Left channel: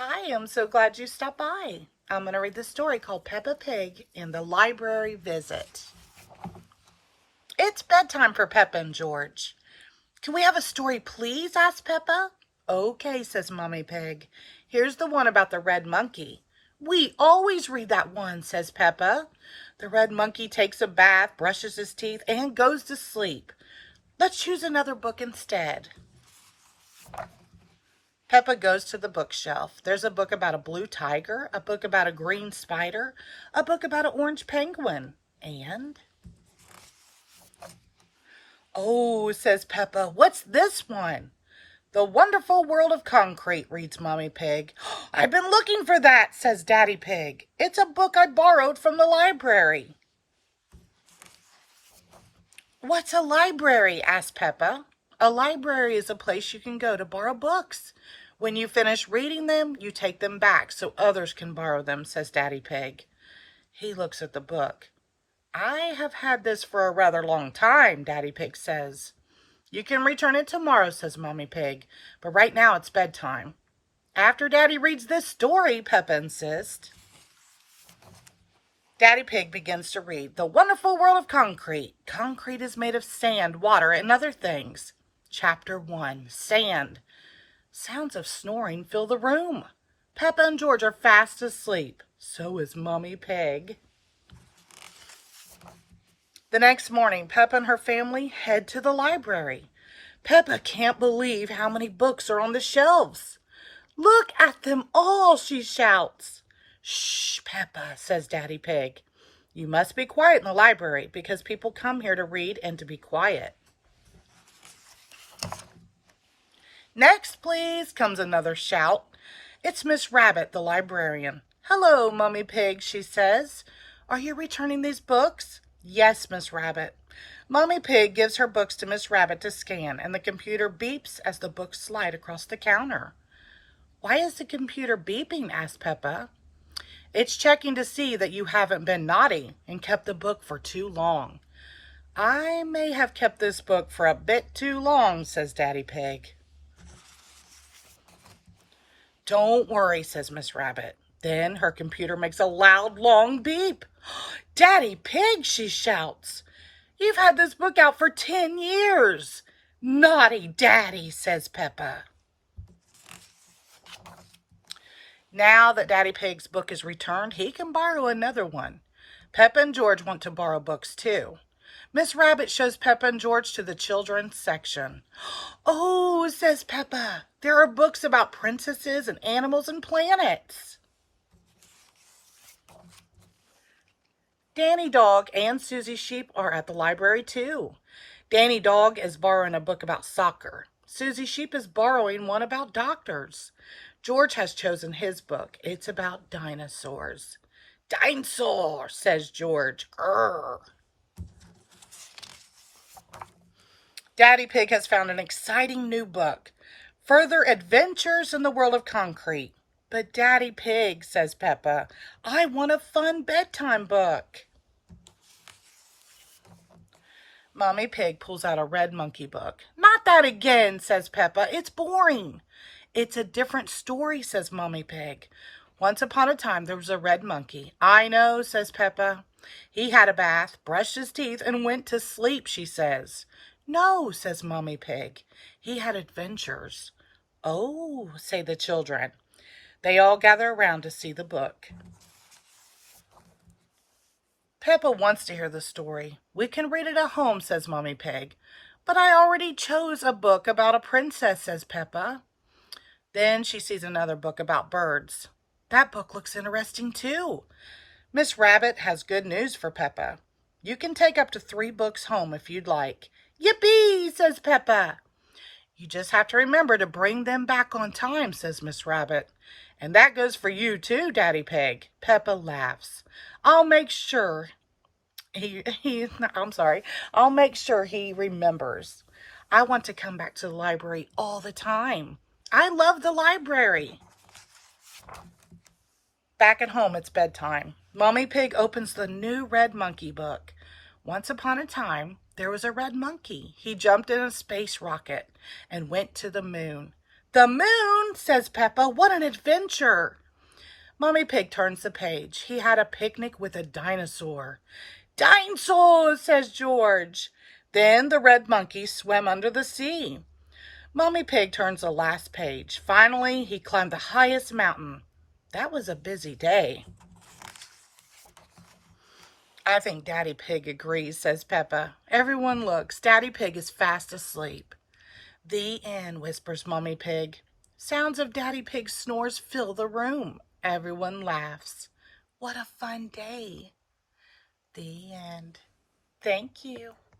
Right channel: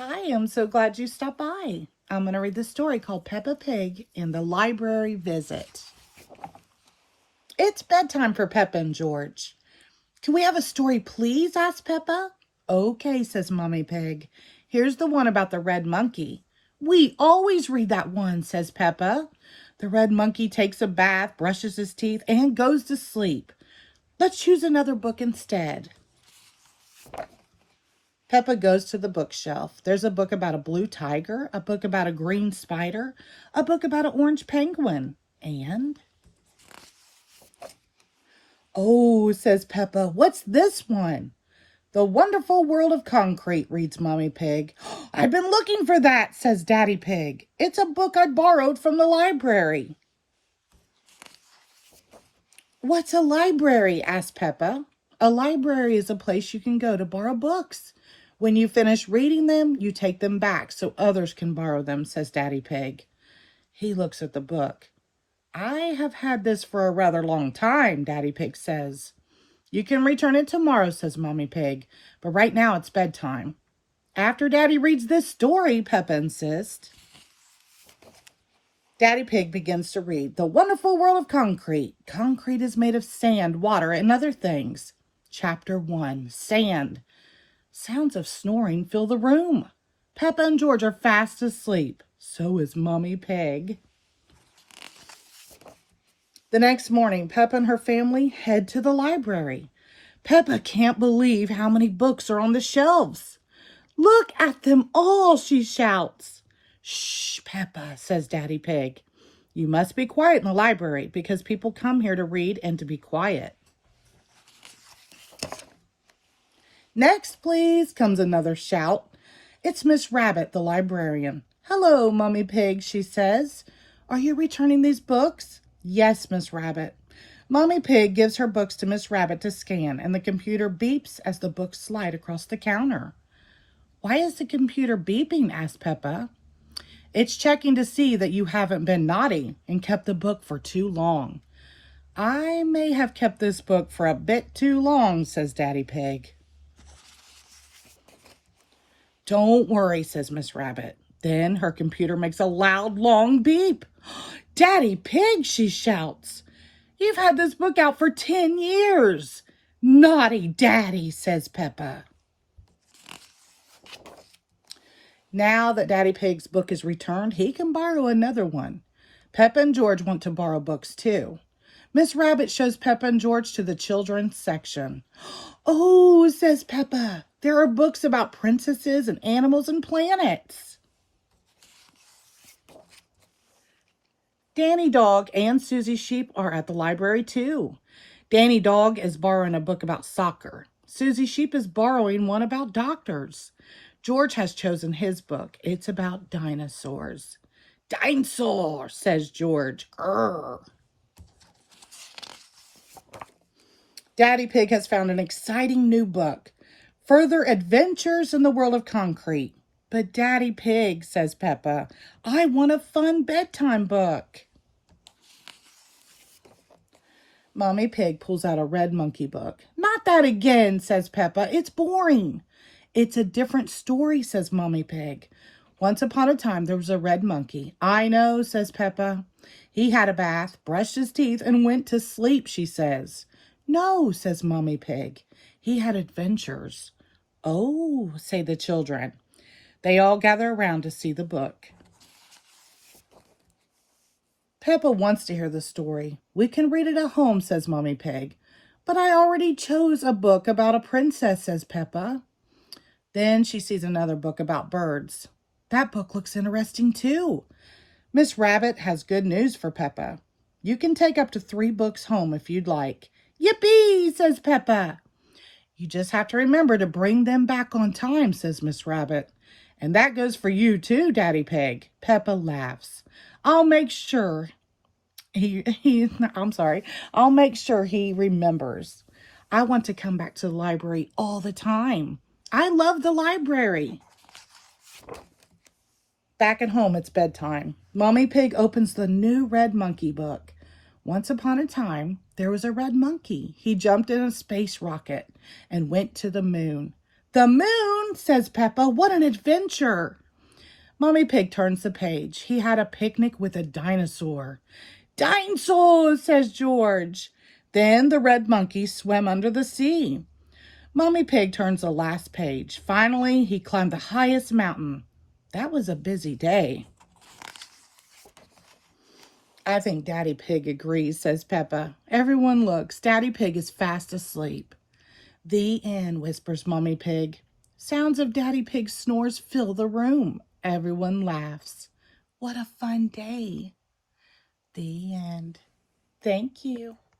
Hi, I'm so glad you stopped by. I'm going to read the story called Peppa Pig and the Library Visit. It's bedtime for Peppa and George. Can we have a story, please? Asked Peppa. Okay, says Mommy Pig. Here's the one about the red monkey. We always read that one, says Peppa. The red monkey takes a bath, brushes his teeth, and goes to sleep. Let's choose another book instead. Peppa goes to the bookshelf. There's a book about a blue tiger, a book about a green spider, a book about an orange penguin, and... Oh, says Peppa, what's this one? The Wonderful World of Concrete, reads Mommy Pig. I've been looking for that, says Daddy Pig. It's a book I borrowed from the library. What's a library? Asked Peppa. A library is a place you can go to borrow books. When you finish reading them, you take them back so others can borrow them, says Daddy Pig. He looks at the book. I have had this for a rather long time, Daddy Pig says. You can return it tomorrow, says Mommy Pig, but right now it's bedtime. After Daddy reads this story, Peppa insists. Daddy Pig begins to read The Wonderful World of Concrete. Concrete is made of sand, water, and other things. Chapter 1, Sand. Sounds of snoring fill the room. Peppa and George are fast asleep. So is Mommy Pig. The next morning, Peppa and her family head to the library. Peppa can't believe how many books are on the shelves. Look at them all, she shouts. Shh, Peppa, says Daddy Pig. You must be quiet in the library because people come here to read and to be quiet. Next, please, comes another shout. It's Miss Rabbit, the librarian. Hello, Mommy Pig, she says. Are you returning these books? Yes, Miss Rabbit. Mommy Pig gives her books to Miss Rabbit to scan, and the computer beeps as the books slide across the counter. Why is the computer beeping? Asked Peppa. It's checking to see that you haven't been naughty and kept the book for too long. I may have kept this book for a bit too long, says Daddy Pig. Don't worry, says Miss Rabbit. Then her computer makes a loud, long beep. Daddy Pig, she shouts. You've had this book out for 10 years. Naughty Daddy, says Peppa. Now that Daddy Pig's book is returned, he can borrow another one. Peppa and George want to borrow books too. Miss Rabbit shows Peppa and George to the children's section. Oh, says Peppa, there are books about princesses and animals and planets. Danny Dog and Susie Sheep are at the library too. Danny Dog is borrowing a book about soccer. Susie Sheep is borrowing one about doctors. George has chosen his book. It's about dinosaurs. Dinosaur, says George. Grr. Daddy Pig has found an exciting new book, Further Adventures in the World of Concrete. But Daddy Pig, says Peppa, I want a fun bedtime book. Mommy Pig pulls out a red monkey book. Not that again, says Peppa. It's boring. It's a different story, says Mommy Pig. Once upon a time, there was a red monkey. I know, says Peppa. He had a bath, brushed his teeth, and went to sleep, she says. No, says Mommy Pig. He had adventures. Oh, say the children. They all gather around to see the book. Peppa wants to hear the story. We can read it at home, says Mommy Pig. But I already chose a book about a princess, says Peppa. Then she sees another book about birds. That book looks interesting too. Miss Rabbit has good news for Peppa. You can take up to 3 books home if you'd like. Yippee, says Peppa. You just have to remember to bring them back on time, says Miss Rabbit. And that goes for you too, Daddy Pig. Peppa laughs. I'll make sure I'll make sure he remembers. I want to come back to the library all the time. I love the library. Back at home, it's bedtime. Mommy Pig opens the new red monkey book. Once upon a time, there was a red monkey. He jumped in a space rocket and went to the moon. The moon, fun, says Peppa. What an adventure. Mommy Pig turns the page. He had a picnic with a dinosaur. Dinosaurs, says George. Then the red monkey swam under the sea. Mommy Pig turns the last page. Finally, he climbed the highest mountain. That was a busy day. I think Daddy Pig agrees, says Peppa. Everyone looks. Daddy Pig is fast asleep. The end, whispers Mommy Pig. Sounds of Daddy Pig's snores fill the room. Everyone laughs. What a fun day. The end. Thank you.